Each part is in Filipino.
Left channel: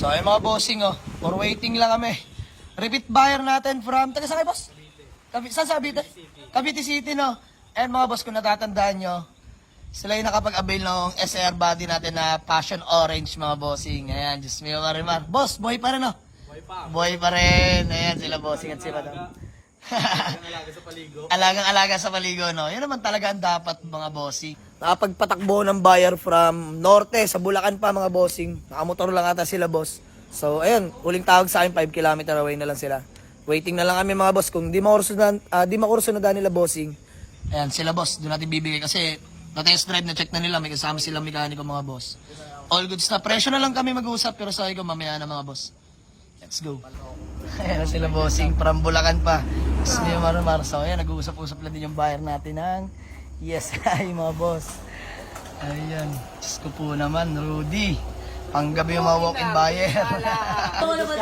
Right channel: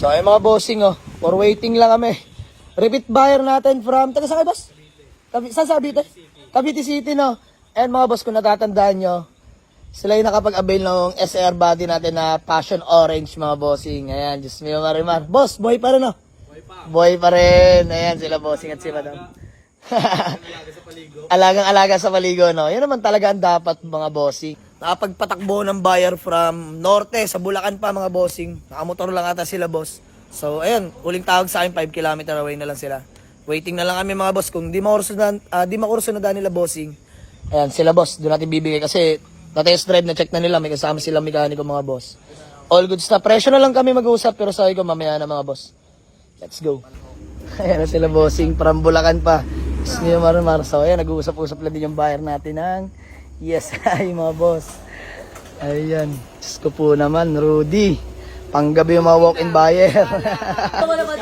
So ay mga bossing oh, for waiting lang kami. Repeat buyer natin from, taga saan kayo boss? Saan sa Cavite? Cavite City no. And mga boss, kung natatandaan nyo, sila yung nakapag-avail ng SR body natin na Passion Orange mga bossing. Ayan, just may marimar. Boss, boy pa rin oh. Boy pa rin. Ayan sila bossing at sila daw. Alaga sa paligo. Alagang-alaga sa paligo, no? Yan naman talaga ang dapat, mga bossing. Nakapagpatakbo ng buyer from norte, sa Bulacan pa, mga bossing. Nakamotor lang ata sila, boss. So, ayan, uling tawag sa akin, 5 kilometer away na lang sila. Waiting na lang kami, mga boss. Kung di makurso na nila, bossing. Ayan, sila, boss. Doon natin bibigay kasi na-test drive, na-check na nila. May kasama silang mekaniko, mga boss. All goods na. Presyo na lang kami mag-uusap, pero sabi ko, mamaya na, mga boss. Let's go. Ayan na sila, bossing. From Bulacan pa. So, ayan, nag-uusap-usap lang din yung buyer natin ng yes, ay mga boss. Ayan. Diyos ko po naman, Rudy. Panggabi yung mga walk-in buyer.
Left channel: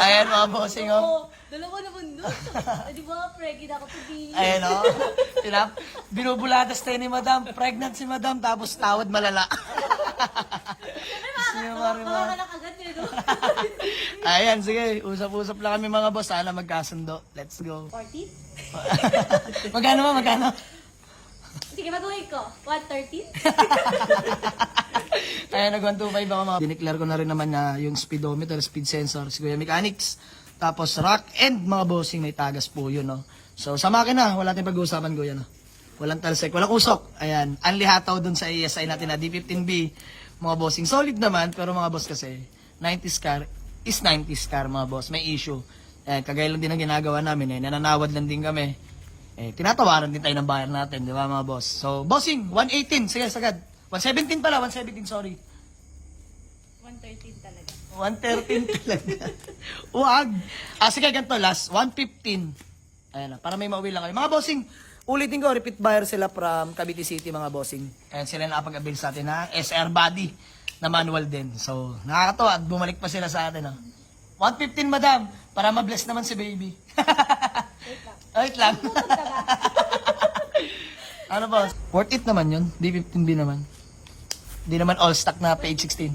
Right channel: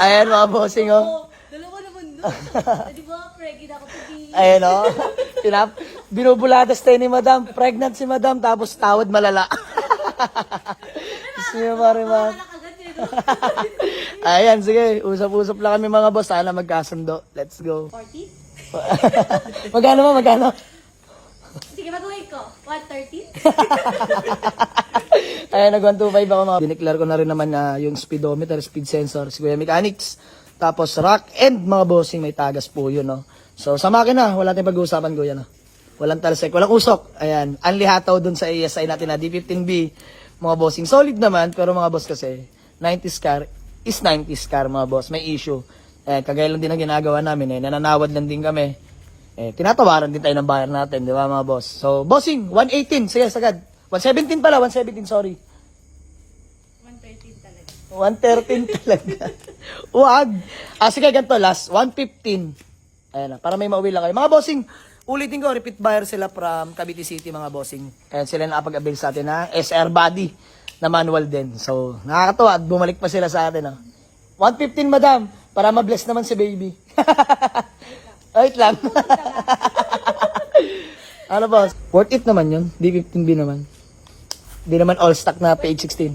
Ayan, mga bossing, oh. Dalawa naman doon. Di ba, pregnant ako to be. Ayan, oh. Binubuladas tayo ni madam. Pregnant si madam, tapos tawad malala. Diyos niyo, Marimar. Ayan, sige. Usap-usap lang kami, mga boss. Sana magkasundo. Let's go. 40? Magkano mo, magkano? Sige, mag-uwi ko. 130? Ayan, nag-125 ako mga. Dineclare ko na rin naman na yung speedometer, speed sensor, si Kuya Mechanics. Tapos rock and mga bossing, may tagas po yun, no? So, sa makina, wala tayong pag-uusapan, Kuya, no? Walang talsek, walang usok. Ayan, anlihataw dun sa ASI natin na D15B. Mga bossing, solid naman, pero mga boss kasi, 90s car is 90s car, mga boss. May issue. Kagaya lang din ang ginagawa namin, nananawad lang din kami. Tinatawaran din tayo ng buyer natin, di ba mga boss? So, bossing, 118, sige, sagad. 117 pala, 117, sorry. 113 talaga. 113 talaga. Wag. Sige, ganito, last, 115. Ayan na, para may mauwi lang kayo. Mga bossing, ulitin ko, repeat buyer sila from Cavite City, mga bossing. Ayan, sila nakapag-avail sa atin na SR body na manual din. So, nakakatawa at bumalik pa sila sa atin. 115, madam, para ma-bless naman si baby. Wait lang. Ano boss? Worth it naman yun. D15B naman. Di naman all stock na page 16.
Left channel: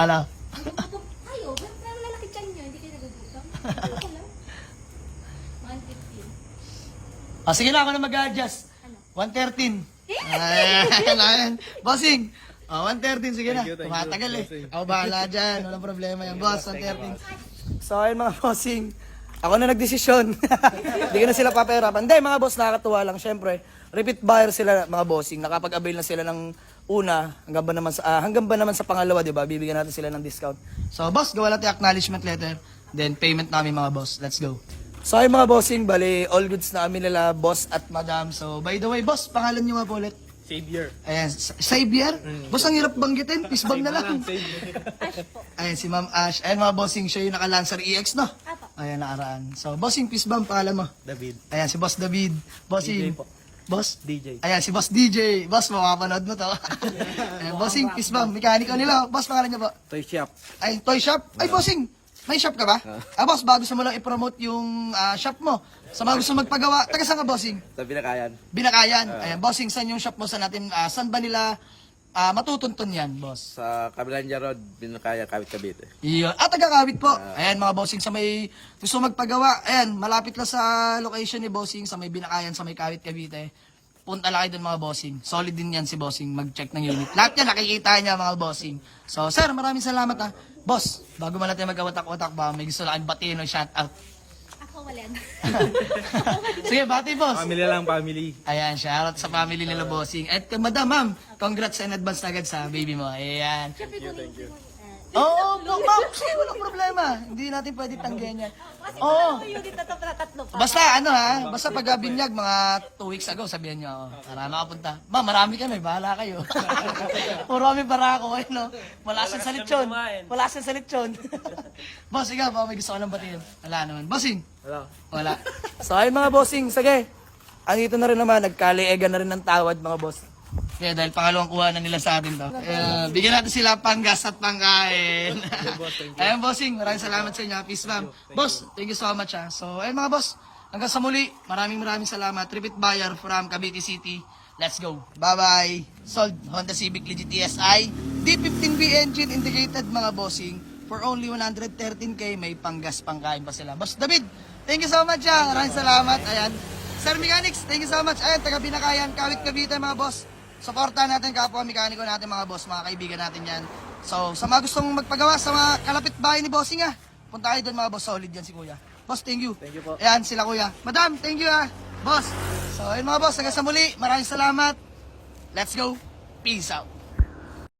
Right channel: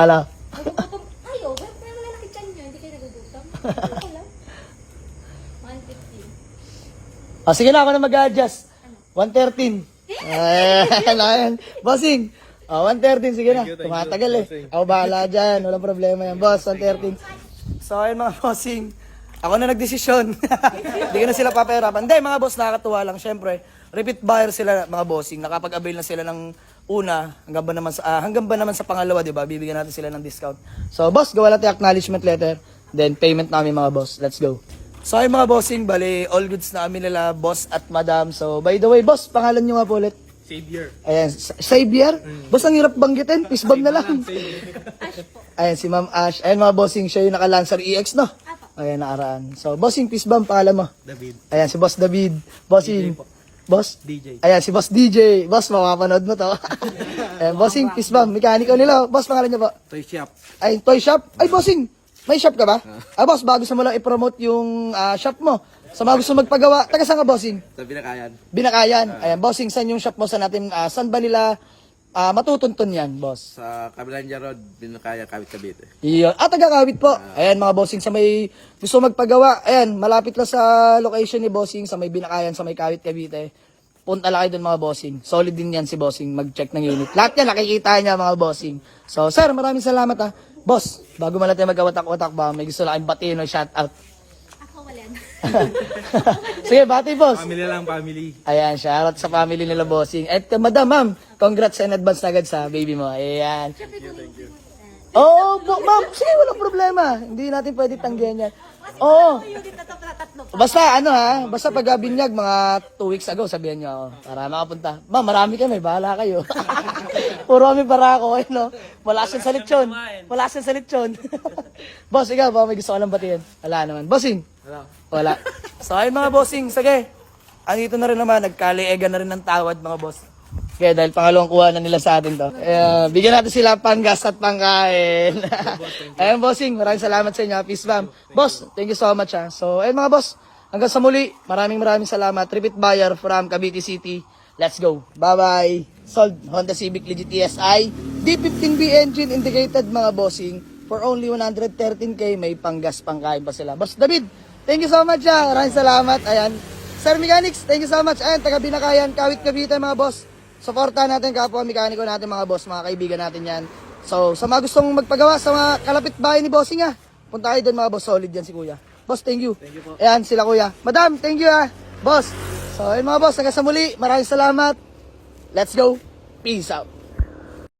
Ala. Ayaw, pero lalaki dyan nyo. Hindi kayo nagugutom. Ako lang. 115. Sige na, ako na mag-adjust. 113. Ayan. Bossing. 113, sige na. Tumatagal eh. Ako bahala dyan. Walang problema yan. Boss, 113. So, ayun mga bossing. Ako na nagdesisyon. Hindi ko na sila papahirapan. Hindi, mga boss, nakakatuwa lang. Siyempre, repeat buyer sila, mga bossing. Nakapag-avail na sila ng una, hanggang ba naman sa pangalawa, di ba? Bibigyan natin sila ng discount. So, boss, gawa natin acknowledgement letter. Then, payment namin, mga boss. Let's go. So, ayun mga bossing, bali, all goods na kami nila, boss at madam. So, by the way, boss, pangalan nyo nga po ulit. Savior. Ayan, Xavier? Boss, ang hirap banggitin. Fishbang na lang. Ash po. Ayan, si Ma'am Ash. Ayan, mga bossing, siya yung naka-Lancer EX, no? Apo. Ayan, nakaraan. So, bossing, fishbang, paalam mo. David. Ayan, si Boss David. Bossing. DJ po. Boss? DJ. Ayan, si Boss DJ. Boss, makapanood mo to. Ayan, bossing, fishbang, mekaniko nila. Boss, pangalan niya ba? Toy shop. Ay, toy shop? Ay, bossing, may shop ka ba? Boss, bago sa mo lang i-promote yung shop mo. Sa mga gusto magpagawa, taga saan ka, bossing? Sa Binakayan. Binakayan. Ayan, bossing, saan yung shop mo sa natin? Saan ba nila matutuntun yan, boss? Sa Cabilanja Road, Binakayan, Cavite. Iyon. Taga-Kawit po. Ayan, mga bossing, sa may gusto magpagawa. Ayan, malapit lang sa location ni bossing, sa may Binakayan, sa may Kawit, Cavite. Punta lang kayo dun, mga bossing. Solid din yan si bossing, mag-check ng unit. Lahat yan, nakikita niya, mga bossing. So, sir, maraming salamat. Boss, bago man natin magkawatak-watak ba, may gusto lang kayong batiin o shout out. Ako wala na. Sige, bati, boss. Family lang, family. Ayan, shoutout sa family nila, bossing. At madam, ma'am, congrats in advance na agad sa baby mo. Ayan. Thank you. Oo, ma'am, sige, walang problema. Hindi natin pwede tanggihan yan. Oo. Unit na tatlo pa. Basta, basta pag binyag, mga 2 weeks ago, sabihan niyo ako, para makapunta. Ma'am, marami kami, bahala kayo. Puro kami para ako, no? Wala siyang sa lechon. Wala siyang sa lechon. Boss, ikaw, baka may gusto ka lang batiin. Wala naman. Bossing? Wala. So, ayun mga bossing, sige. Andito na rin naman, nagkaliega na rin ng tawad, mga boss. Kaya dahil pangalawang kuha na nila sa atin to. Bigyan natin sila panggas at pangkain. Ayun, bossing, maraming salamat sa inyo. Peace, ma'am. Boss, thank you so much. So, ayun mga boss, hanggang sa muli, maraming salamat. Repeat buyer from Cavite City. Let's go. Bye-bye. Sold. Honda Civic Legit TSI. D15B engine indicated mga bossing. For only 113k, may panggas pangkain pa sila. Boss David, thank you so much. Maraming salamat. Ayan. Sir Mechanics, thank you so much. Ayan, taga Binakayan, Kawit Cavite mga boss. Supportahan natin kapwa mekaniko natin mga boss, mga kaibigan natin yan. So, sa mga gustong magpagawa sa mga kalapit bahay ni Bossing punta kayo doon mga boss, solid yan si Kuya. Boss, thank you. Thank you po. Ayan, sila Kuya. Madam, thank you Boss. So, ayun mga boss, hanggang sa muli. Maraming salamat. Let's go. Peace out.